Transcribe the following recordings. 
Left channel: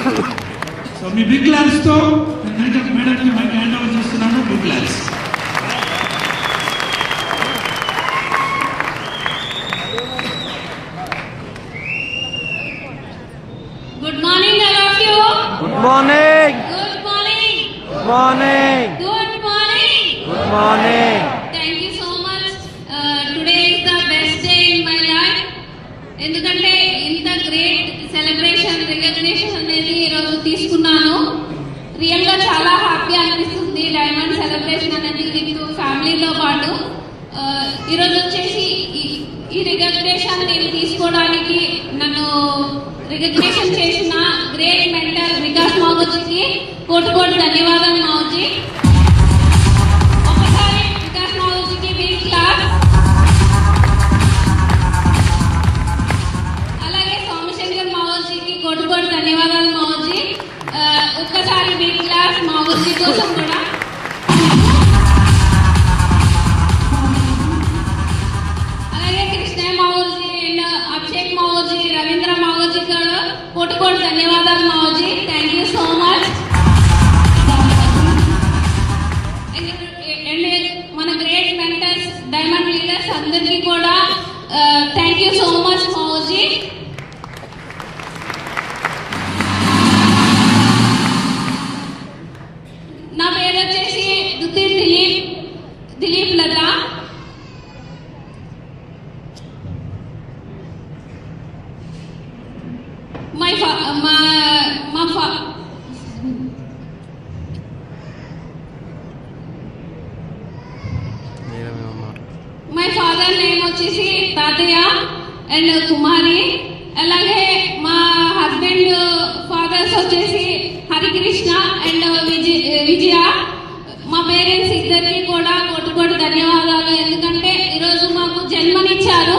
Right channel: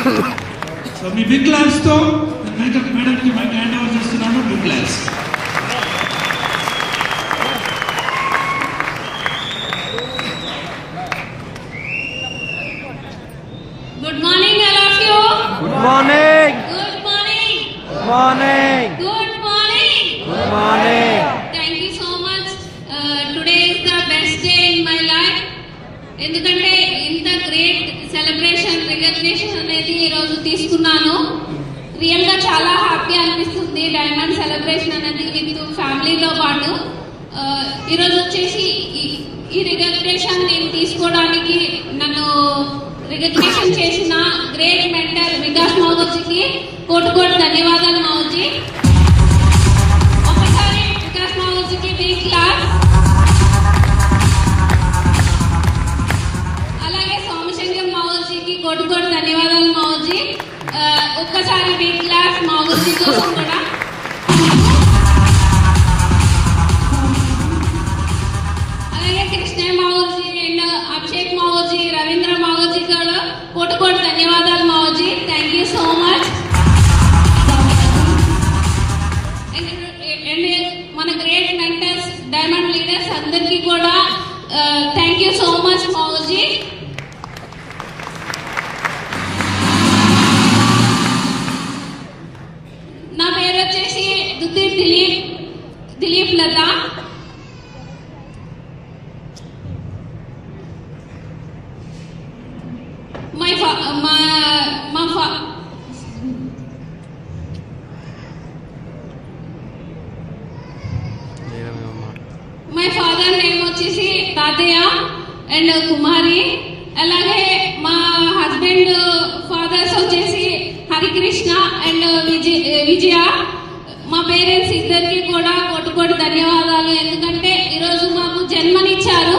So మీ big claps తో మేడంకి mike hand over చేస్తున్నాను. Big claps. Good morning, all of you. Good morning. Good morning. Good morning. Good morning. Good morning. Thank you so much. Today is the best day in my life. ఎందుకంటే ఇంత great celebration recognition అనేది ఈరోజు తీసుకున్నాను. Real గా చాలా happy అనిపిస్తుంది. Diamond celebration అనేది with ఫ్యామిలీతో పాటు ఈరోజు వచ్చేసి ఈ రికగ్నిషన్ నేను తీసుకోవడానికి నన్ను రికగ్నిషన్ చేసిన గ్రేట్ మెంటర్ వికాస్ మావోజీకి కోటి ధన్యవాదాలు మావోజీ. ఒకసారి వికాస్ మావోజీకి బిగ్ క్లాస్. అలాగే సోమశంకర్ మావోజీకి కోటి ధన్యవాదాలు మావోజీ. ఒక్కసారి బిగ్ క్లాస్ మావోజీ కోసం కూడా. అలాగే కృష్ణయ్య మావోజీ అండ్ అభిషేక్ మావోజీ, రవీంద్ర మావోజీ గారు కోటి ధన్యవాదాలు Mavoji. Thank you so much. And మన గ్రేట్ మెంటర్స్, డైమండ్ లీడర్స్ అందరికీ కూడా thank you so much Mavoji. నా పేరు వచ్చేసి Dutti Dilip Latha. My father name వచ్చేసి తాతయ్య అండ్ కుమారి. అలాగే మా హస్బెండ్ ఫాదర్స్ వచ్చేసి హరికృష్ణ అండ్ విజయ. మా పేరెంట్స్ ఇద్దరికి కూడా కోటి ధన్యవాదాలు. ఎందుకంటే ఈరోజు మాకు జన్మనిచ్చారు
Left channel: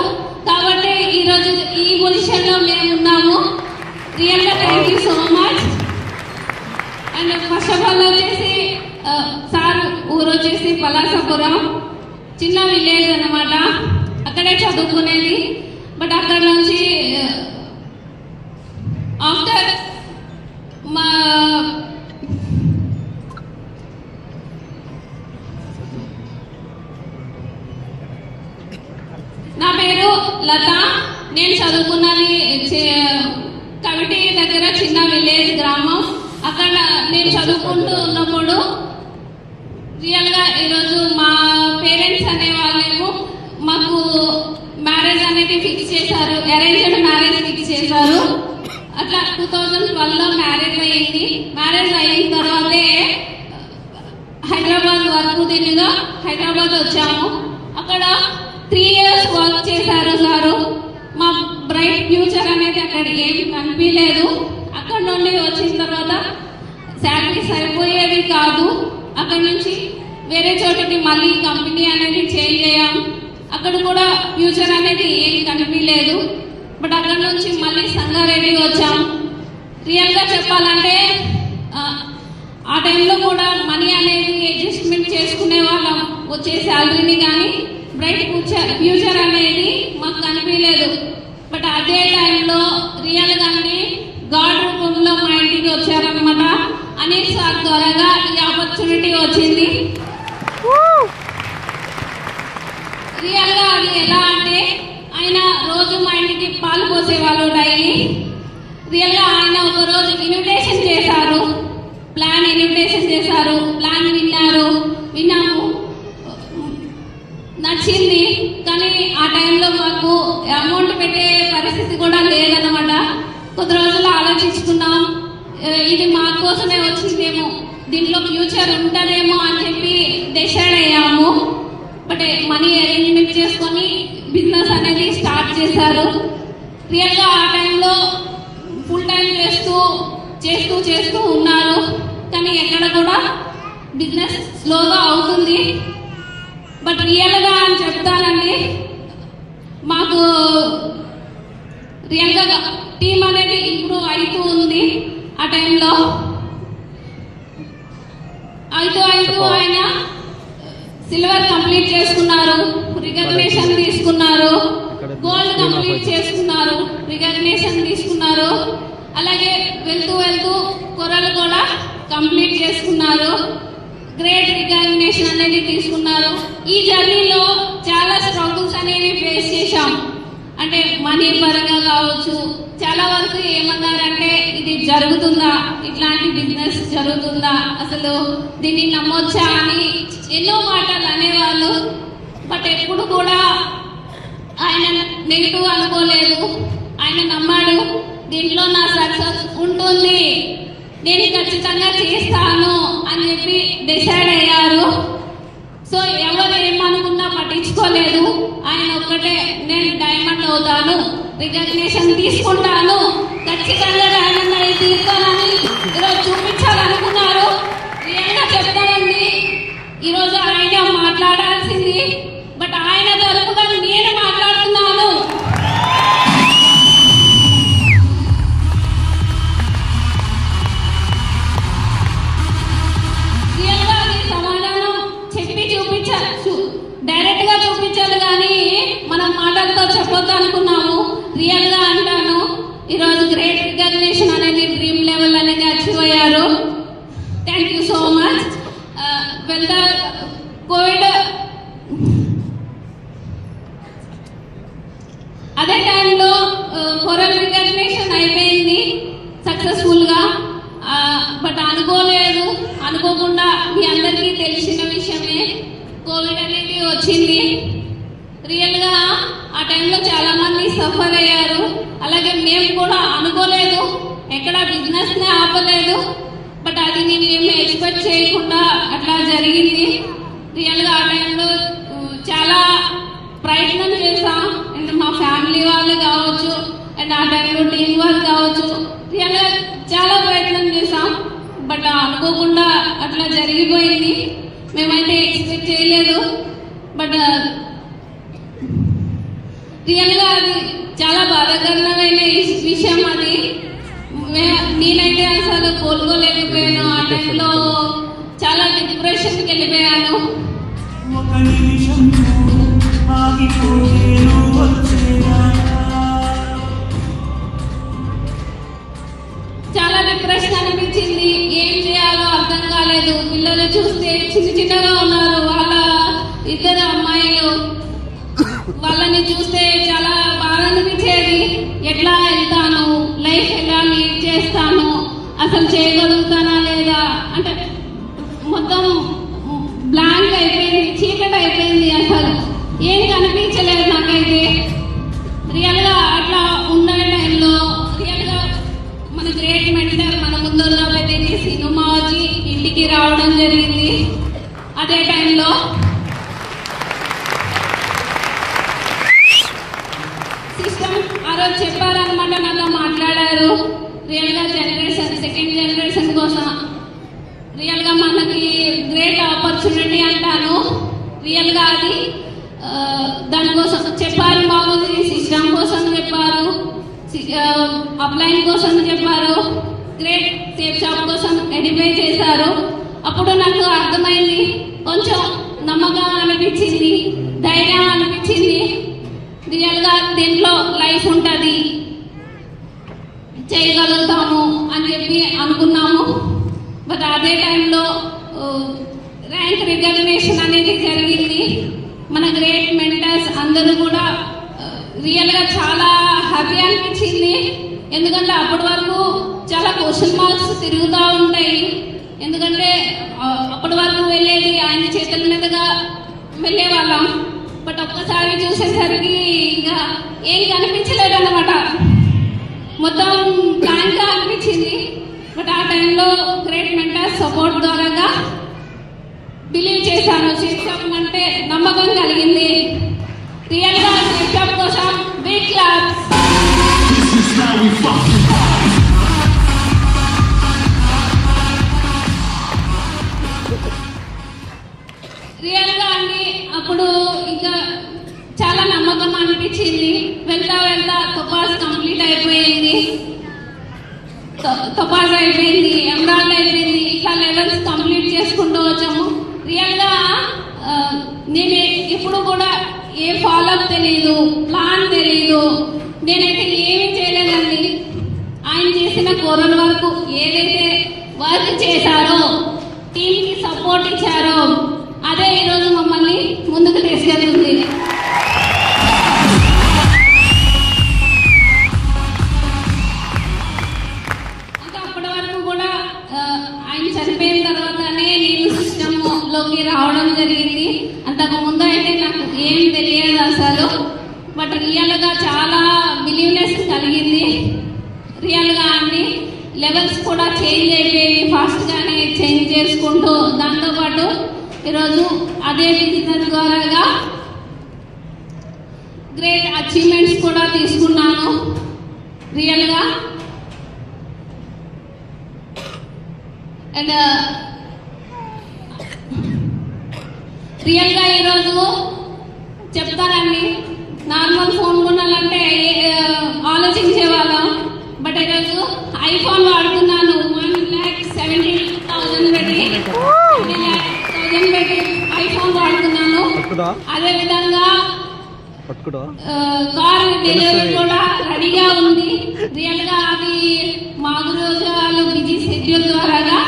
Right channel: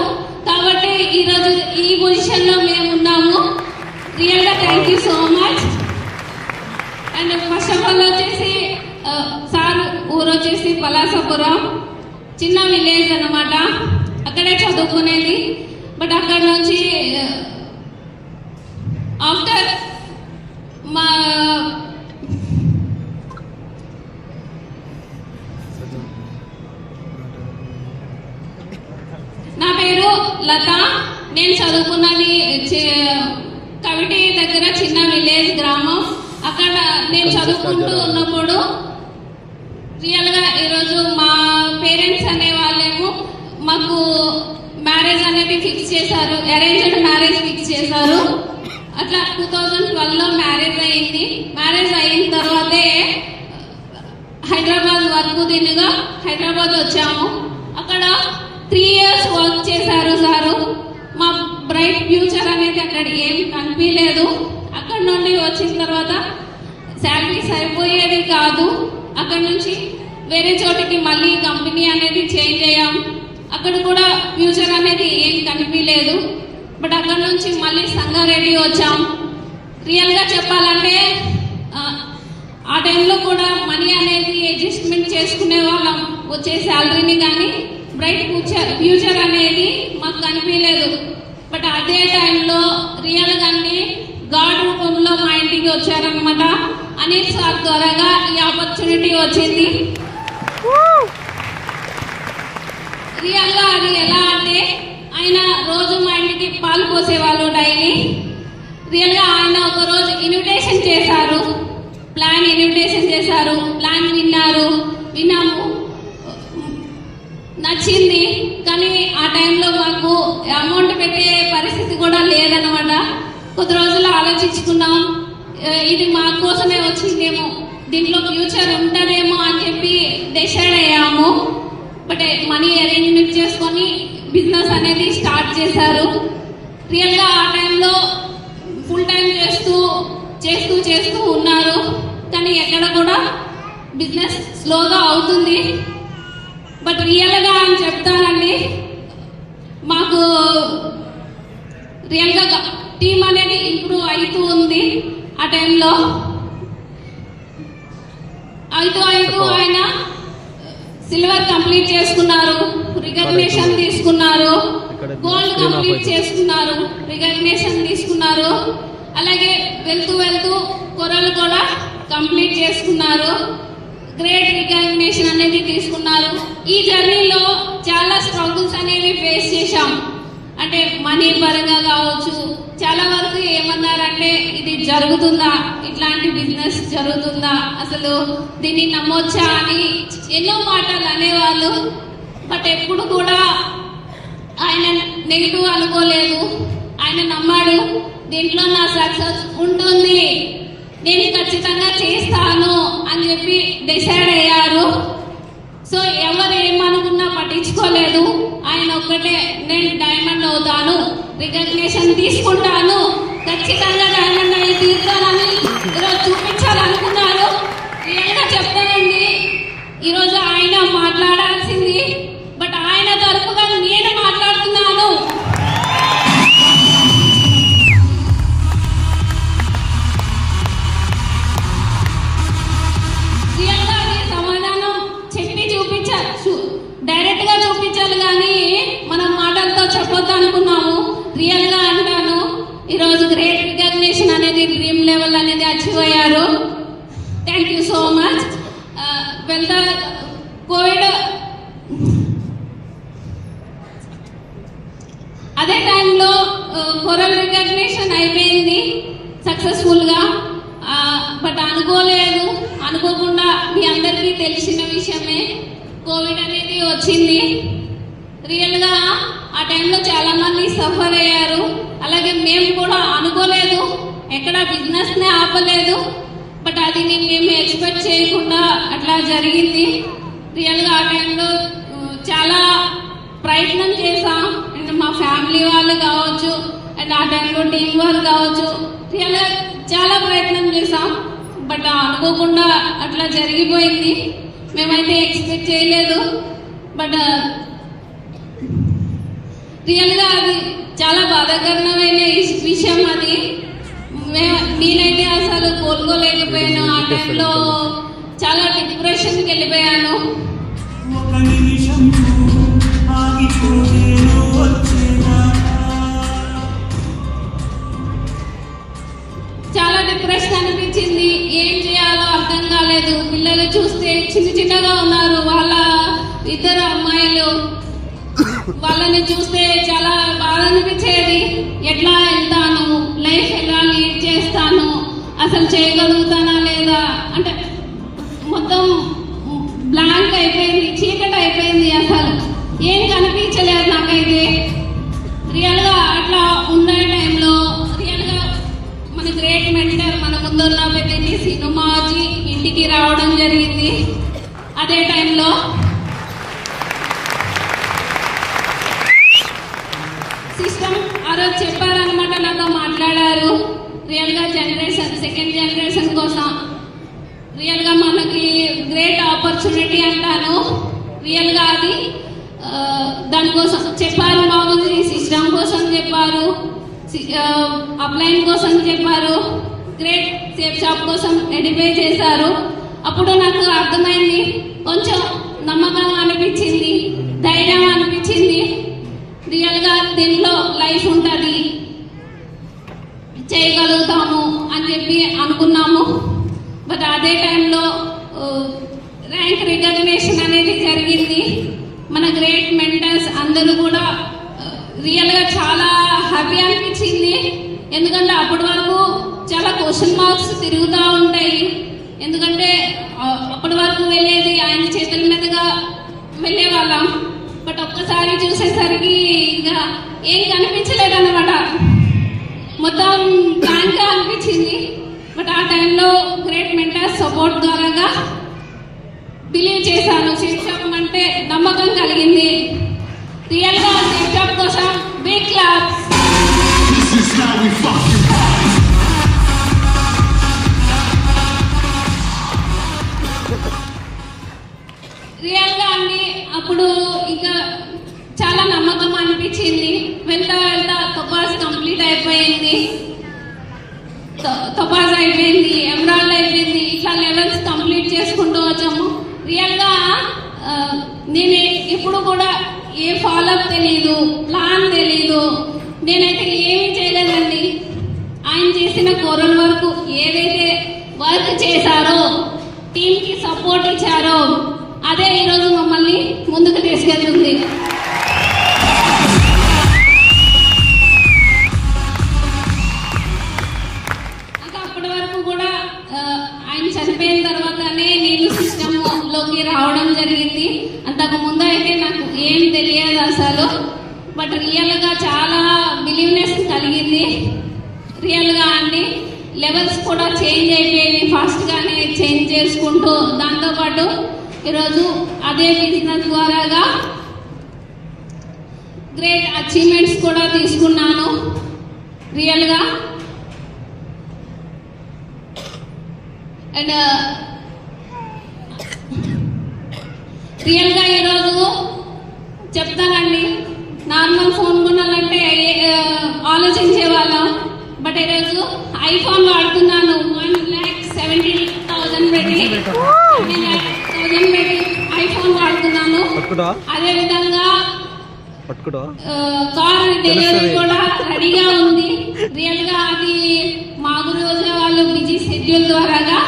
కాబట్టి ఈరోజు ఈ పొజిషన్ లో మేము ఉన్నాము. రియల్ గా thank you so much. And first of all వచ్చేసి సార్ ఊరు వచ్చేసి పలాసపురం, చిన్న విలేజ్ అన్నమాట. అక్కడే చదువుకునేది. బట్ అక్కడ నుంచి ఆఫ్టర్ మా నా పేరు లత. నేను చదువుకున్నది కవిటి దగ్గర చిన్న విలేజ్ గ్రామం. అక్కడ నేను చదువుకుంటూ ఉన్నప్పుడు రియల్ గా ఈరోజు మా పేరెంట్స్ అనే వాళ్ళేమో మాకు మ్యారేజ్ అనేది ఫిక్స్ చేశారు. అరేంజ్డ్ మ్యారేజ్ ఫిక్స్ చేశారు. అట్లా 2012లో మ్యారేజ్ అయింది. మ్యారేజ్ అయిన తర్వాతే హైదరాబాద్ వర్క్ దీనిగా హైదరాబాద్ వచ్చాము. అక్కడ 3 years వర్క్ చేశారు సారు. మా బ్రైట్ ఫ్యూచర్ అనేది అక్కడ ఏం కనిపించలేదు. అక్కడ నుండి వచ్చిన తర్వాత శాలరీ సరిపోయేది కాదు. అక్కడ నుంచి వేరే చోటికి మళ్ళీ కంపెనీ అనేది చేంజ్ అయ్యాం. అక్కడ కూడా ఫ్యూచర్ అనేది ఏం కనిపించలేదు. బట్ అక్కడ నుంచి మళ్ళీ సంగారెడ్డి వచ్చాం. రియల్ గా చెప్పాలంటే ఆ టైంలో కూడా మనీ అనేది అడ్జస్ట్మెంట్ చేసుకునే వాళ్ళం. వచ్చే శాలరీని కానీ బ్రైట్ ఫ్యూచర్ అనేది మాకు కనిపించలేదు. బట్ అదే టైంలో రియల్ గానే గాడ్ రూపంలో మా ఇంటికి వచ్చారనమాట. అనిల్ సార్ ద్వారాగా ఈ ఆపర్చునిటీ వచ్చింది. రియల్ గా అది ఎలా అంటే ఆయన రోజు మా ఇంటికి పాలు పోసేవాళ్ళు డైలీ. రియల్ గా ఆయన ఒక రోజు ఇన్విటేషన్ చేశారు. ప్లాన్ విన్నాము, నచ్చింది. కానీ ఆ టైంలో మాకు అమౌంట్ పెట్టే పరిస్థితి కూడా లేదనమాట. కొద్ది రోజులు ఆలోచించుకున్నాం, ఇది మా కోసమే వచ్చిందేమో, దీంట్లో ఫ్యూచర్ ఉంటుందేమో అని చెప్పి డిసైడ్ అయ్యాము. బట్ మనీ అరేంజ్మెంట్ చేసుకొని బిజినెస్ అనేది స్టార్ట్ చేశారు. రియల్ గా ఆ టైంలో ఫుల్ టైం చేస్తూ ఉన్నారు. కానీ ఎక్కడ కూడా బిజినెస్ స్లోగా అవుతుంది. బట్ రియల్ గా అని చెప్తానండి, మాకు రియల్ గా టీమ్ అనేది ఇంప్రూవ్ అవుతూ ఉంది. ఆ టైంలో అవుతూ ఆయన సిల్వర్ కంప్లీట్ చేసుకున్నారు, రికగ్నిషన్ తీసుకున్నారు, గోల్డ్ కంప్లీట్ చేసుకున్నారు, రికగ్నిషన్ తీసుకున్నారు. అలాగే వెళ్తూ వెళ్తూ కొరలు కూడా కంప్లీట్ చేసుకున్నారు. గ్రేట్ రికగ్నిషన్ అనేది తీసుకున్నారు. ఈ జర్నీలో చాలా స్ట్రగుల్స్ అనేవి ఫేస్ చేశాం. అంటే మనీ పరంగా కావచ్చు. చాలా వరకు ఏమన్నారంటే ఇది జరుగుతుందా, ఇట్లాంటి బిజినెస్ జరుగుతుందా, అసలు దీన్ని నమ్మొచ్చా అని ఎన్నో మాటలు అనేవాళ్ళు. బట్ ఎప్పుడు కూడా ఆయన నెగిటివ్ అనుకోలేదు. ఆయన నమ్మాడు, దీంట్లో నా సక్సెస్ ఉంటుంది, నేను ఖచ్చితంగా చేస్తాను అని చెప్పి డిసైడ్ అయ్యారు. సో ఎవరు ఏమనుకున్నా పట్టించుకోలేదు. ఆయన ఒక్కటే, నేను డైమండ్ అవుతాను, రికగ్నిషన్ తీసుకుంటాను, ఖచ్చితంగా డైమండ్ అయి తీరుతానని ఈరోజు చూపించాలనుకున్నారు. రియల్గా చెప్తానండి, ఈరోజు ఆయన మాట్లాడాల్సింది, బట్ ఆయన తరపున నేను మాట్లాడుతున్నాను. రియల్గా అది సమాధానం చెప్పి చూపించచ్చు, డైరెక్ట్ గా చూపించాలి కానీ మనం మాటలతో చెప్పొద్దు అనుకున్నాము. రియల్ గా అంటాను, ఈరోజు గ్రేట్ రికగ్నిషన్ అనేది డ్రీమ్ లెవెల్ అనేది అచీవ్ అయ్యారు. Thank you so much. వెళ్తా కోవిడ్ అదే టైంలో కొరల్ రికగ్నిషన్ అయిపోయింది సక్సెస్ఫుల్ గా. బట్ అనుకోకుండా మీ అందరికీ తెలిసిన విషయమే, కోవిడ్ అనేది వచ్చింది. రియల్ గా ఆ టైంలో చాలా మంది సఫర్ అయ్యారు. అలాగే మేము కూడా అనుకోలేదు, ఎక్కడ బిజినెస్ నే ఆపలేదు. బట్ అది మేము ఎక్స్పెక్ట్ చేయకుండా అట్లా జరిగింది. రియల్ గా ఆ టైంలో చాలా ప్రయత్నం చేసాం. అండ్ మా ఫ్యామిలీ వాళ్ళు కావచ్చు, అండ్ ఆ టైంలో టీం వర్క్ కావచ్చు, రియల్ గా చాలా ప్రయత్నం చేసాం. బట్ అనుకోకుండా అట్లా జరిగిపోయింది. మేమైతే ఎక్స్పెక్ట్ చేయలేదు. బట్ రియల్ గా అది చాలా బాధాకరమైన విషయం. అది నేనైతే అసలు కోలుకోలేకపోయాను. ఆ టైంలో చాలా డిప్రెషన్కి వెళ్ళిపోయాను. చాలా డిప్రెషన్ అనిపించింది. ఏం చేయాలో అర్థం కాలేదు. పిల్లలు చూస్తే చిన్నగా ఉన్నారు. వాళ్ళ ఇద్దరు అమ్మాయిలు, వాళ్ళని చూస్తే చాలా బాధ అనిపించేది. ఎట్లా వెళ్తాను, లైఫ్ ఎలా లీడ్ చేస్తాను, అసలు చేయగలుగుతానా లేదా అంటే మొత్తం బ్లాంక్ అయిపోయింది, చీకటి అయిపోయింది. అసలు ఏం కనిపించలేదు నాకైతే. రియల్ గా అట్లా ఉన్న టైంలో రియల్ గా మన గ్రేట్ మెంటర్ మన ముందున్న పెట్టింది సినిమాజీ ఇంటికి రావడం జరిగింది. అదే టైంలో సిస్టమ్ ఆ రోజు చెప్పారనమాట, నాతో మాట్లాడారు. రియల్ గా జనరేషన్, సెకండ్ జనరేషన్ కోసం రియల్ గా మనకి గ్రేట్ ఆపర్చునిటీ అంటాను. రియల్ గా అది దానికోసం చెప్పారు. మా గురించి సిస్టమ్ కోసం చెప్పారు, అప్లైన్ కోసం చెప్పారు, గ్రేట్ సేఫ్ షాప్ కోసం ఎడిఫై చేశారు. అప్పుడు నాకు అర్థమైంది, కొంచెం నమ్మకం అనిపించింది, ధైర్యం అనిపించింది. రియల్ గా దీంట్లో లైఫ్ ఉంటుంది, చేయగలుగుతాము అని చెప్పి అనుకున్నాము. బట్ అదే టైంలో ర్యాంక్ రికగ్నిషన్ అనేది జరిగింది. మన గ్రేట్ మెంటర్స్ అందరూ కూడా రియల్ గా చాలా హ్యాపీ అనిపించింది. ఎందుకంటే అప్పటి వరకు చాలా క్వశ్చన్ మార్క్స్ తిరుగుతూ ఉంటాయి. ఎందుకంటే అప్పటి వరకు వెళ్ళేది ఆయన చేతుల మీదుగా వెళ్ళే వాళ్ళం. బట్ ఒక్కసారి చూసేసరికి ఇంకా ఏం కనిపించలేదు అన్నమాట, మొత్తం బ్లాంక్ గా అనిపించింది. బట్ ఆ టైంలో గ్రేట్ మెంటర్స్ సపోర్ట్ ద్వారా బిలీవ్ చేశాను. సేఫ్ షాప్ అంటే నమ్మకం కలిగింది. రియల్ గా సేఫ్ షాప్ కోసం బిగ్ క్లాప్స్. రియల్ గా అండి అప్పుడు ఇంకా చాలా నమ్మకం అనిపించింది. వెళ్తా వెళ్తా తొపాస్ కంప్లీట్ అయిపోయింది, తొపాస్ అయిపోయింది, ఎమరాల్డ్ అయిపోయింది. ఇట్లా లెవెల్స్ కంప్లీట్ చేసుకుంటూ వచ్చాము. రియల్ గా నేను ఇప్పుడు కూడా ఏ ఫాలోఅప్ తెలీదు, ప్లాన్ తెలీదు, నేనైతే ఏమీ చేయలేదండి. ఆయన చేసిన కొరల్ వరకు ఏదైతే వర్క్ చేశారో, టీంకి సపోర్ట్ ఇచ్చారో, అదే ఈరోజు మమ్మల్ని ముందుకు తీసుకెళ్తుంది. అంటే అప్పటి వరకు కూడా ఆయన చనిపోయిన తర్వాతనే నేను సిస్టంలోకి రావడం జరిగింది. అంతకు ముందు అయితే నాకు ఏం తెలియదు అసలు. బట్ రియల్గా చాలా బిలీవ్నెస్ కలిగింది. రియల్గా అండి లెవెల్స్ కూడా చేంజ్ అయిపోయి ఫాస్ట్గానే చేంజ్ చేసుకుంటూ, దాంతోపాటు ఈరోజు అదే బిజినెస్ ద్వారాగా గ్రేట్ అచీవ్మెంట్స్ కూడా తీసుకున్నాను రియల్గా. అండ్ రియల్గా ఈరోజు చెప్తానండి, నార్మల్ ఫోన్ కొనాలంటే ఆలోచించే వాళ్ళం. బట్ ఈరోజు ఐఫోన్ వాడుతున్నాను. 1,70,000 పెట్టి ఐఫోన్ వాడుతున్నాను. అదే విధంగా కార్ డెలివరీ కూడా రెడీగా ఉంది. రియల్ గా అది మామూలు రోజు వాళ్ళు బిజీ షెడ్యూల్ ద్వారాగా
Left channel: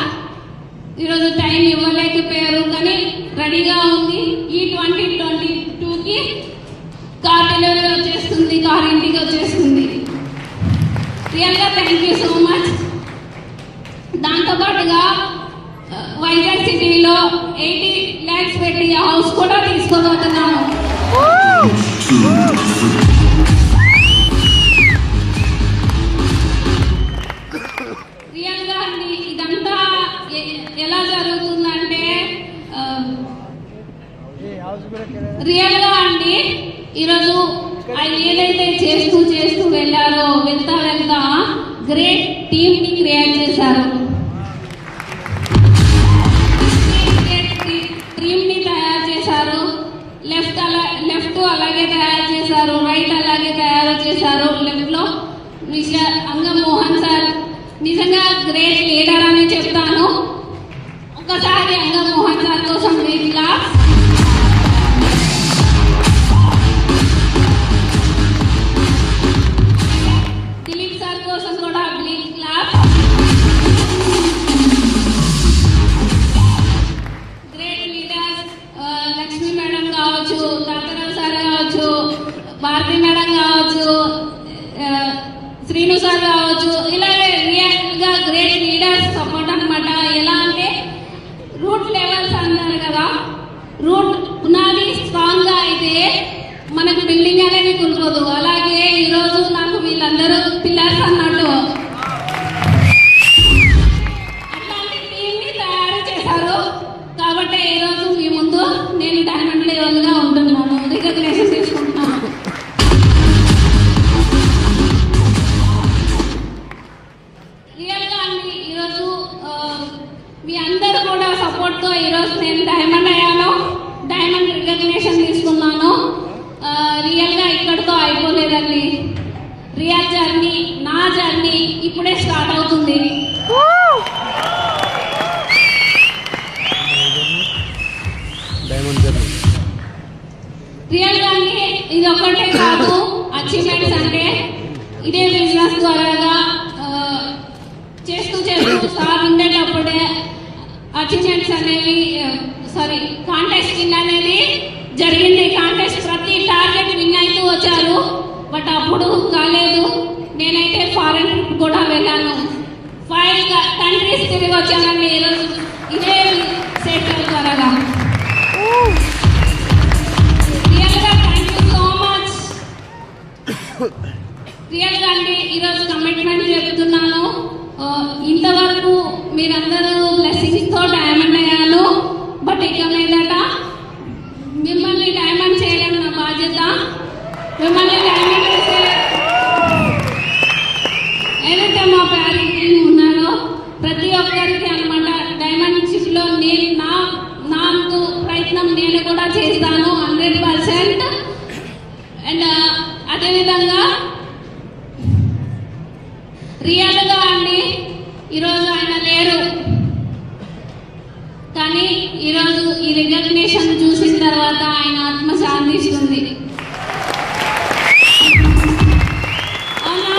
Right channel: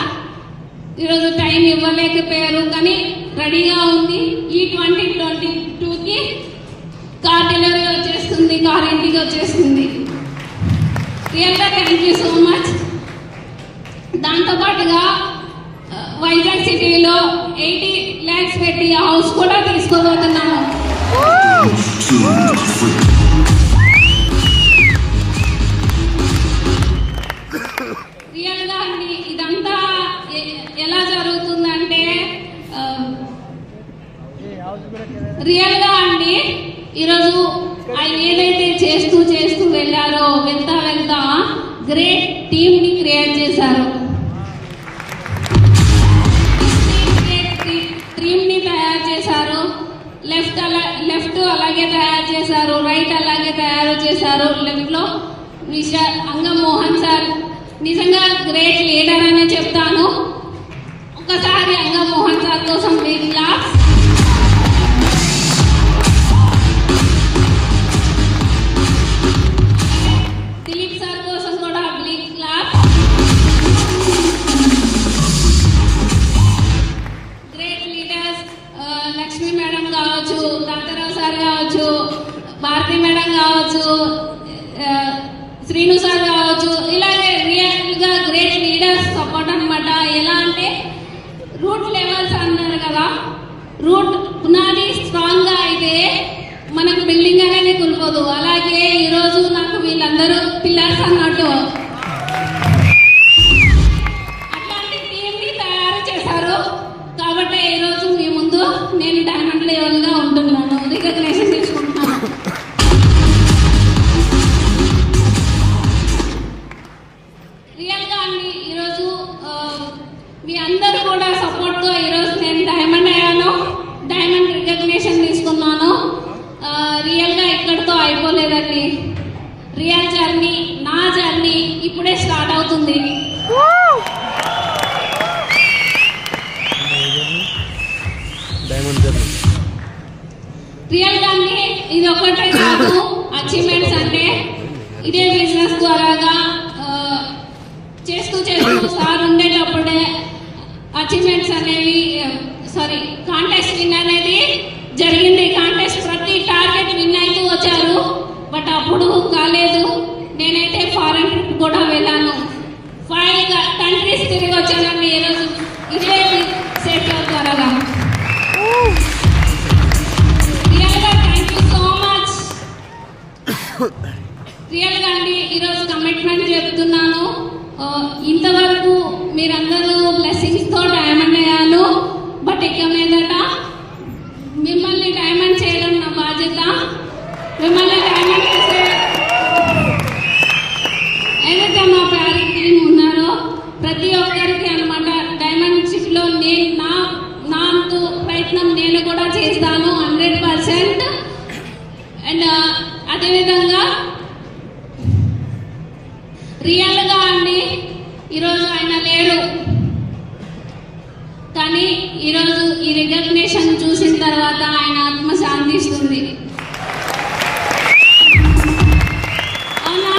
ఈరోజు టైం ఇవ్వలేకపోయారు, కానీ రెడీగా ఉంది. ఈ 2022కి కార్ డెలివరీ వచ్చేస్తుంది, కార్ ఇంటికి వచ్చేస్తుంది. రియల్ గా థ్యాంక్ యూ సో మచ్. దాంతోపాటుగా వైజాగ్ సిటీలో 80 lakhs పెట్టి హౌస్ కూడా తీసుకోబోతున్నాము. రియల్ గా అండి ఇదంతా ఎలా జరుగుతుందంటే, రియల్ గా అండి ఈరోజు ఆయన ఏదైతే చేస్తూ వెళ్ళారో, వెళ్తా గ్రేట్ టీమ్ ని క్రియేట్ చేశారు. టీమ్ ని తయారు చేశారు. లెఫ్ట్ అలాగే తయారు చేశారు, రైట్ అలాగే తయారు చేశారు. లెఫ్ట్ లో మిస్టర్ అంగం మోహన్ సార్ నిజంగా గ్రేట్ లీడర్ అనే చెప్తాను. ఒకసారి అంగం మోహన్ సార్ కోసం బిగ్ క్లాస్. దిలీప్ సార్ కోసం కూడా big claps. Great leaders Lakshmi madam కావచ్చు, తాతారావు సార్ కావచ్చు, భారతి మేడం కావచ్చు, శ్రీను సార్ కావచ్చు, ఇలాగే రియల్ గా గ్రేట్ లీడర్స్ సపోర్ట్ అనమాట. ఎలా అంటే రూట్ లెవెల్స్ అన్నారు కదా, రూట్ పునాది స్ట్రాంగ్ గా అయితే మనకు బిల్డింగ్ అనేది కూలిపోదు. అలాగే ఈరోజు నాకు వీళ్ళందరూ పిల్లర్స్ అన్నట్టు అట్లాంటి టీమ్ ని తయారు చేశారు. కాబట్టి ఈరోజు మీ ముందు నేను డైమండ్ లెవెల్ గా ఉంటున్నాను, రికగ్నేషన్ తీసుకుంటున్నాను. రియల్ గా అండి ఈరోజు మీ అందరు కూడా సపోర్ట్ తో ఈరోజు నేను డైమండ్ అయ్యాను, డైమండ్ రికగ్నేషన్ తీసుకున్నాను. రియల్ గా ఇక్కడితో అయిపోలేదండి. రియల్ జర్నీ, నా జర్నీ ఇప్పుడే స్టార్ట్ అవుతుంది. రియల్ గా ఇది ఒకటే కాదు అచీవ్మెంట్స్ అంటే, ఇదే బిజినెస్ ద్వారాగా చేస్తూ సార్ ఉండేటప్పుడే అచీవ్మెంట్స్ అనేవి కాంటెస్ట్ విన్ అనేది జరిగింది. కాంటెస్ట్ ప్రతి టార్గెట్ విన్ అవుతూ వచ్చారు. బట్ అప్పుడు కాలేదు. నేనైతే ఫారెన్ ట్రిప్ కూడా వెళ్ళాను. 5 కంట్రీస్ తిరిగి వచ్చానండి ఈరోజు ఇదే సెట్ ద్వారా. రియల్ గా thank you so much. Real గా అండి ఈరోజు కమిట్మెంట్ చెప్తున్నాను. ఇంతవరకు మీరందరూ బ్లెస్సింగ్స్ తో డైమండ్ అయ్యాను. బట్ ఇక మీదట మిమ్మల్ని డైమండ్ చేయడం నా బాధ్యత. మిమ్మల్ని డైమండ్ చేసే ఏదైతే మా ప్యారీ టీమ్ ఉన్నారో ప్రతి ఒక్కరికి అనమాట డైమండ్ షిప్ లో నా ప్రయత్నం నేను కూడా చేస్తాను 100%. అండ్ అదేవిధంగా రియల్ గా అండి ఈరోజు ఆయన లేరు, కానీ ఈరోజు ఈ రికగ్నేషన్ చూసిన తర్వాత ఆయన ఆత్మ శాంతిస్తుంది. అవునా?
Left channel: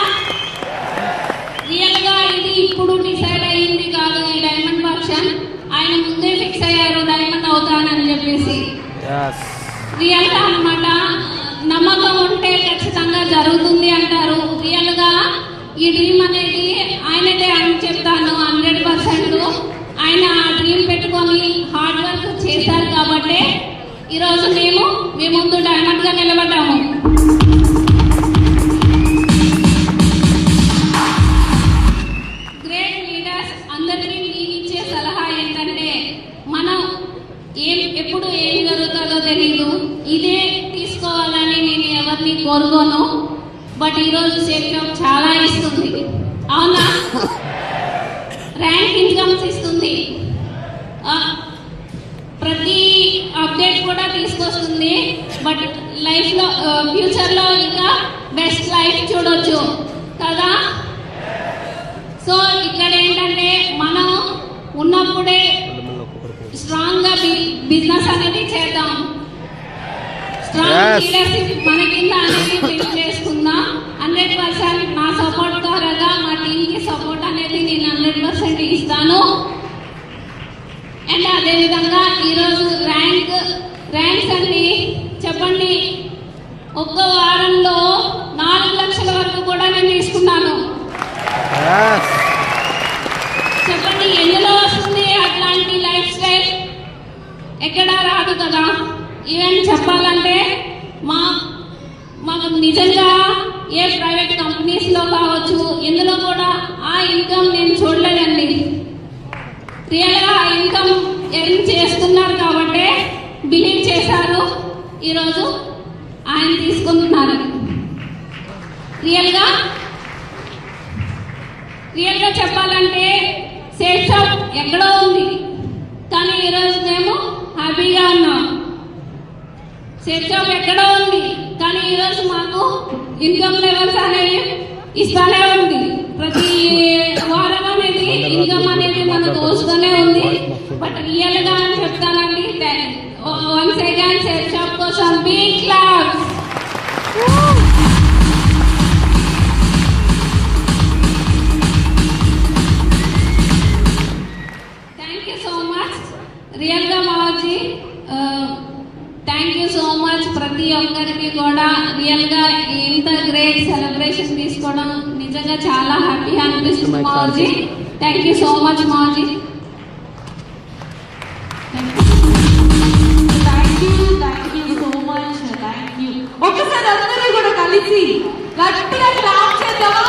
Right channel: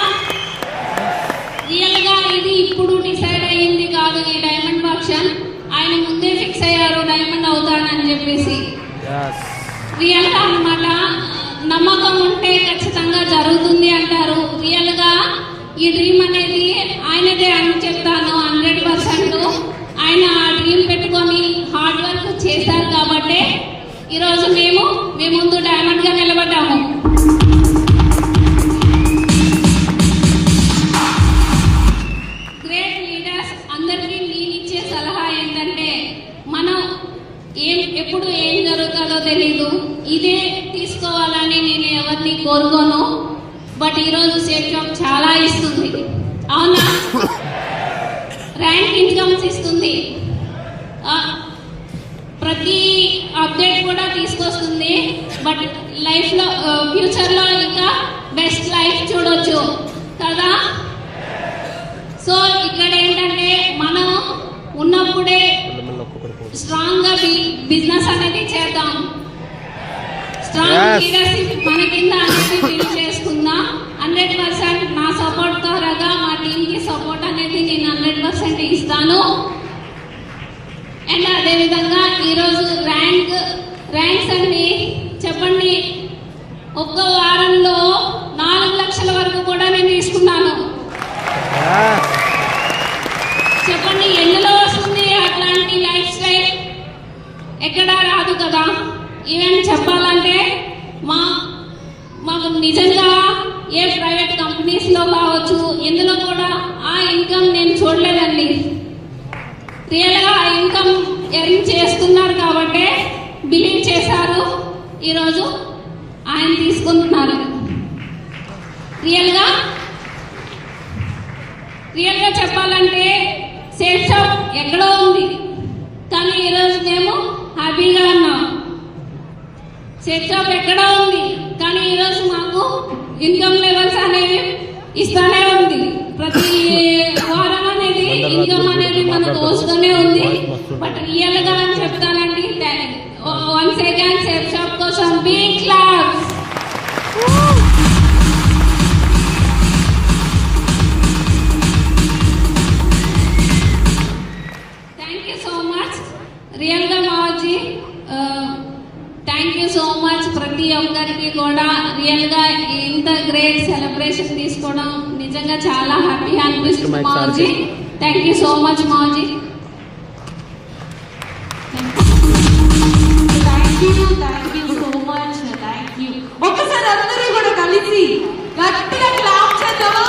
ఇప్పుడు డిసైడ్ అయ్యింది కాదు ఈ డైమండ్ ఫంక్షన్. ఆయన ముందే ఫిక్స్ అయ్యారు డైమండ్ అవుతానని చెప్పేసి. Yes. రియల్ గా అన్నమాట. నమ్మకం ఉంటే ఖచ్చితంగా జరుగుతుంది అంటారు. రియల్ గా ఈ డ్రీమ్ అనేది ఆయనదే అని చెప్తాను 100%. ఆయన ఆ డ్రీమ్ పెట్టుకొని హార్డ్ వర్క్ చేశారు కాబట్టి ఈరోజు మేము మీ ముందు డైమండ్ గా నిలబడ్డాము. గ్రేట్ లీడర్స్ అందరికీ నేను ఇచ్చే సలహా ఏంటంటే మనం ఎప్పుడు ఏం జరుగుతుందో తెలీదు. ఇదే తీసుకోవాలని నేను ఎవరిని కోరుకోను. బట్ ఈరోజు సేఫ్ జాబ్ చాలా ఇస్తుంది, అవునా? ర్యాంక్ ఇన్కమ్స్ ఇస్తుంది, ప్రతి అప్డేట్ కూడా తీసుకొస్తుంది. బట్ లైఫ్లో ఫ్యూచర్లో ఇంకా బెస్ట్ లైఫ్ చూడొచ్చు కదా. సో ఇక్కడ ఏంటంటే మనం ఉన్నప్పుడే స్ట్రాంగ్ గా బిజినెస్ అనేది చేద్దాం. స్ట్రాంగ్ లీడర్షిప్ మన కింద అనేది బిల్డ్ చేసుకుందాం. 100% నా సపోర్ట్ ద్వారాగా మా టీమ్ కి సపోర్ట్ అనేది నేను 100% ఇస్తాను. అండ్ అదేవిధంగా ఈరోజు ర్యాంక్స్ అన్ని చెప్పండి. ఒక్క వారంలో 4 లక్షల వరకు కూడా నేను తీసుకున్నాను. చెప్పండి ఎందులో వస్తుంది అట్లాంటి లైఫ్ స్టైల్? ఎక్కడా రాదు కదా. ఈవెన్ చెప్పాలంటే మాకు నిజంగా ఏ ప్రైవేట్ కంపెనీస్ లో కావచ్చు ఇందులో కూడా ఆ ఇన్కమ్ నేను చూడలేదండి. రియల్ గా ఆ ఇన్కమ్ ఎర్న్ చేస్తున్నారు కాబట్టి బిలీవ్ చేశారు. ఈరోజు ఆయన తీసుకుంటున్నారు. రియల్ గా చెప్పాలంటే సేఫ్ షాప్ ఎక్కడో ఉంది కానీ ఈరోజు మేము హ్యాపీగా ఉన్నాం. సేఫ్ షాప్ ఎక్కడో ఉంది కానీ ఈరోజు మాకు ఇన్కమ్ లెవెల్స్ అనేవి ఇస్తానే ఉంది. ప్రతి వారం అనేది ఇన్కమ్ అనేది మనకు వస్తూనే ఉంది. బట్ రియల్ గా అని చెప్తానండి. వన్స్ అగైన్ సేఫ్ షాప్ కోసం బిగ్ క్లాప్స్. రియల్ గా మాజీ థ్యాంక్ యూ సో మచ్. ప్రతి ఒక్కరికి కూడా రియల్ గా ఇంత గ్రేట్ సెలబ్రేషన్ తీసుకోవడం నిజంగా చాలా హ్యాపీగా అనిపిస్తుంది మాజీ. థ్యాంక్ యూ సో మచ్ మాజీ. Thank you so much. Thank you. ఒక్కసారి అందరూ కూడా కలిసి గట్టిగా క్లాప్ చేద్దామా?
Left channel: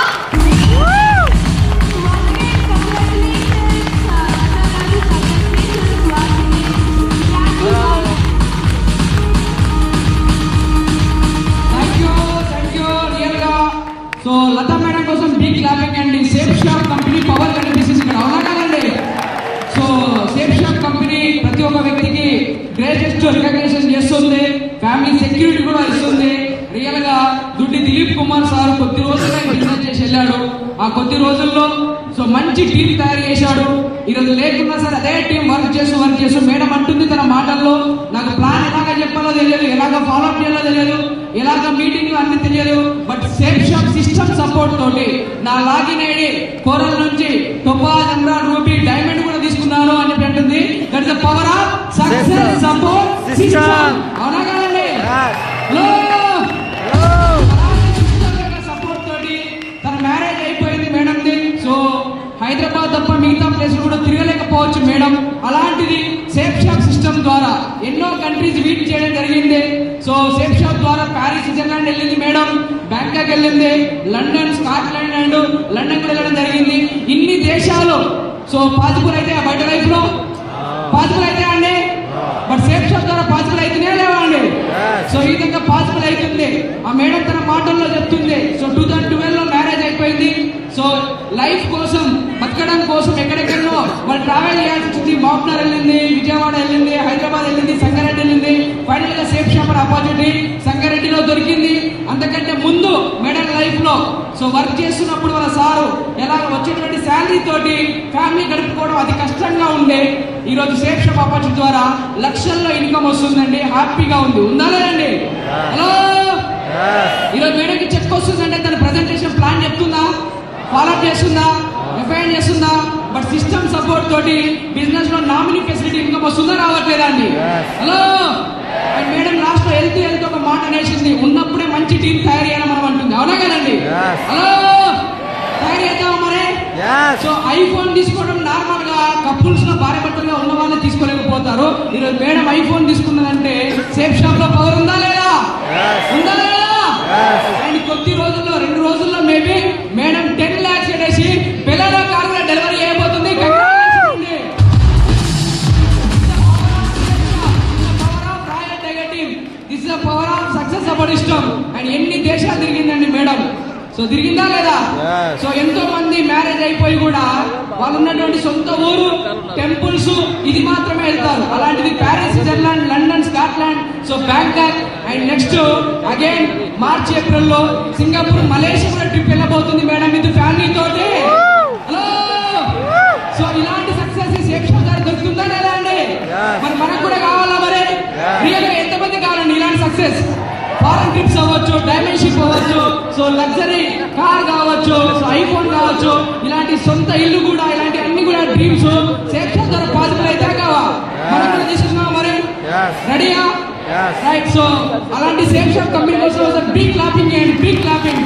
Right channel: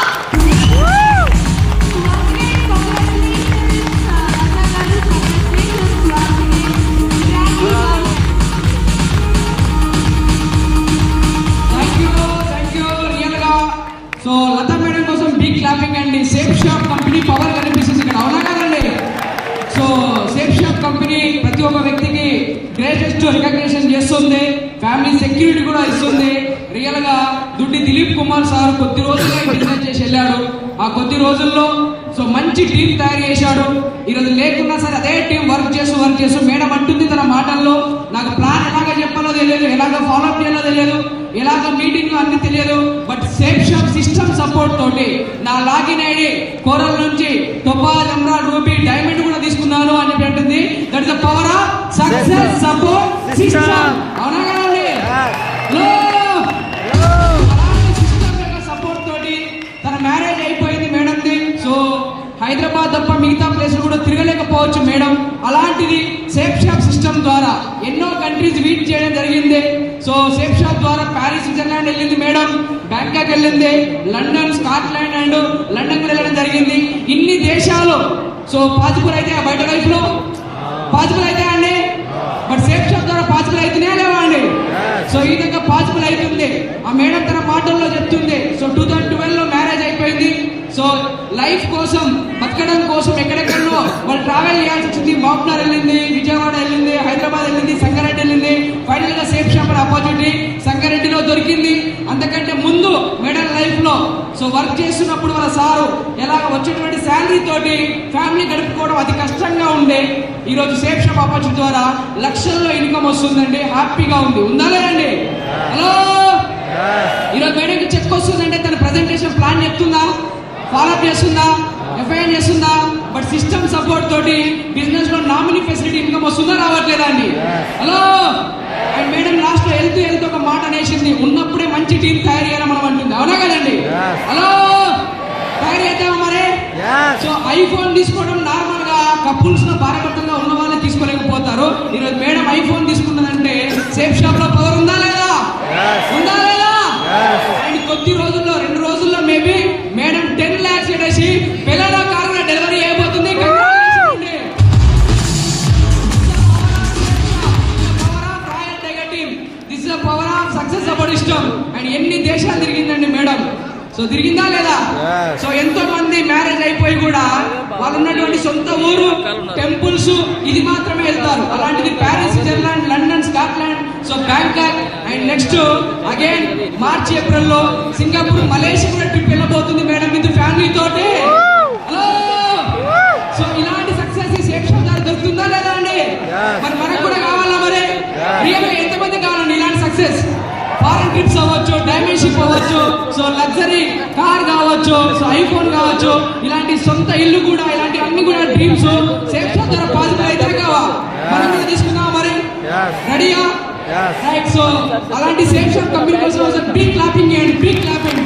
సో లతా మేడం కోసం బిగ్ క్లాపింగ్ అండి. సేఫ్ షాప్ కంపెనీ పవర్ కనిపిస్తుంది ఇక్కడ, అవునా కదండి? సో సేఫ్ షాప్ కంపెనీ ప్రతి ఒక్క వ్యక్తికి గ్రేటెస్ట్ రికగ్నిషన్ చేస్తుంది, ఫ్యామిలీ సెక్యూరిటీ కూడా ఇస్తుంది. రియల్ గా దుడ్డి దిలీప్ కుమార్ సార్ కొద్ది రోజులుగా బిజినెస్ చేసి వెళ్ళాడు. ఆ కొద్ది రోజుల్లో సో మంచి టీం తయారు చేశాడు. ఈరోజు లేకున్నా సరే అదే టీం వర్క్ చేస్తూ మేడం అంటుంది తన మాటల్లో, నాకు ప్లాన్ ఎలాగ చెప్పాలో తెలియదు, ఎలాగ ఫాలో అప్ చేయాలో తెలియదు, ఎలాగ మీటింగ్ అన్ని తెలియదు. But safe shop system support తోటి నా లాగిన్ ఐడి కోరల్ నుంచి టోపాజ్, ఎమరాల్డ్, రూబీ, డైమండ్ కూడా తీసుకున్నాను అని అంటుంది. That is the power of success support system, అవునా కదండి? సపోర్ట్ తోటి తన మ్యారేజ్ అయిపోయింది మేడంది. సో హైదరాబాద్ తప్ప మిగతా ప్లేస్ కూడా తిరగలేకపోవచ్చు మేడం. అలాంటిది సేఫ్ షాప్ సిస్టమ్ ద్వారా ఎన్నో కంట్రీస్ వీట్ చేయడం జరిగింది. సో సేఫ్ షాప్ ద్వారా ప్యారిస్, స్విట్జర్లాండ్ వెళ్ళింది మేడం, బ్యాంకాక్ వెళ్ళింది, లండన్, స్కాట్లాండ్ అండ్ లండన్ కూడా వెళ్ళడం జరిగింది. ఇన్ని దేశాలు సో పాజిబుల్ అయితే బయట లైఫ్ లో పాజిబుల్ అయితే అండి. బట్ సేఫ్ షాప్ ద్వారా పాజిబుల్ అయితేనే లేవా అండి? సో ఈ విధంగా పాజిబుల్ అవుతుంది. ఆ మేడం తన మాటల్లో చెప్తుంది. సో 2012 లో మ్యారేజ్ అయిపోయింది. సో లైఫ్ కోసం బతకడం కోసం ఎక్కడెక్కడో వాళ్ళు ట్రావెల్ చేయాల్సి వచ్చింది. మాప్నార్ వెళ్ళింది, విజయవాడ వెళ్ళింది, హైదరాబాద్ వెళ్ళింది, సంగారెడ్డి వెళ్ళింది. ఫైనల్ గా సేఫ్ షాప్ ఆపర్చునిటీ సంగారెడ్డిలో దొరికింది. అంతకంటే ముందు మేడం లైఫ్ లో సో వర్క్ చేస్తున్నప్పుడు వాళ్ళ సారు ఎలాగ వచ్చేటువంటి శాలరీ తోటి ఫ్యామిలీ గడుపుకోవడం అతి కష్టంగా ఉండే. ఈ రోజు సేఫ్ షాప్ ఆపర్చునిటీ ద్వారా లక్షల్లో ఇన్కమ్ వస్తుందండి. హ్యాపీగా ఉంది, ఉందా లేదండి? హలో, ఈరోజు మేడంకి చెక్ వస్తుందంటే తన ప్రజెంటేషన్ ప్లాన్ చెప్తుందా, ఫాలో అప్ చేస్తుందా? ఎఫ్ఐఆర్ చేస్తుందా? బట్ సిస్టమ్ సపోర్ట్ తోటి బిజినెస్ లో నామినీ ఫెసిలిటీ ఇన్కమ్ వస్తుందా రావట్లేదా అండి? హలో అండ్ మేడం లాస్ట్ లో వెళ్తూ ఒక మాట అనేసింది, ఉన్నప్పుడే మంచి టీం తయారు చేయాలని మనం అంటుంది. అవునా కదండి? హలో తయారు చేద్దాం మరి. సో ఐఫోన్ తీసుకోవడం నార్మల్ గా కపుల్స్ లో భార్య భర్తలుగా ఉన్న వాళ్ళే తీసుకోలేకపోతారు. ఈరోజు మేడం ఐఫోన్ తీసుకున్నదంటే సేఫ్ షాప్ లో పవర్ ఉందా లేదా? ఉందా లేదా? అండ్ కొద్ది రోజుల్లో 2 రోజుల్లో మేబీ మేడం 10 lakhs ఎడేసి పిల్లల కారులో డెలివరీ అయిపోతుంది. This is power of success our ఇష్టం. అండ్ ఎన్ని దేశాలు తిరిగిందండి మేడం. సో తిరిగిందా లేదా? సో ఎంతో మంది మ్యారేజ్ అయిపోయి కూడా వాళ్ళు ఉన్నటువంటి సొంత ఊరు టెంపుల్స్ ఇది మాత్రమే వెళ్తారు. అలాంటిది Paris, Switzerland, London, Scotland, so Bangkok and next again March April లో సింగపూర్, మలేషియా కూడా ట్రిప్ వెళ్ళబోతుంది మేడం విత్ ఫ్యామిలీ తోటి. హలో సో ఇలాంటి సక్సెస్ సేఫ్ షాప్ గారు దొరుకుతుందా లేదా అండి? మరి మనకు కూడా కావాలా మరి? రియల్ గా ఎంతమంది కావాలండి ఇలాంటి సక్సెస్? ఫారెన్ ట్రిప్స్ అవ్వచ్చు, డైమండ్ షిప్ అవ్వచ్చు, సో లగ్జరీ కార్ కావచ్చు, ఐఫోన్ కావచ్చు, ఇలాంటి సొంత ఇల్లు కూడా, ఇలాంటి అన్ని కూడా డ్రీమ్స్ సేఫ్ షాప్ ద్వారా పాసిబుల్ అయితే కావా? మనం కూడా తీసుకున్నాం మరి. రెడీయా? రైట్. సో అలాంటి సేఫ్ షాప్ కంపెనీ కోసం big clapping and big clapping.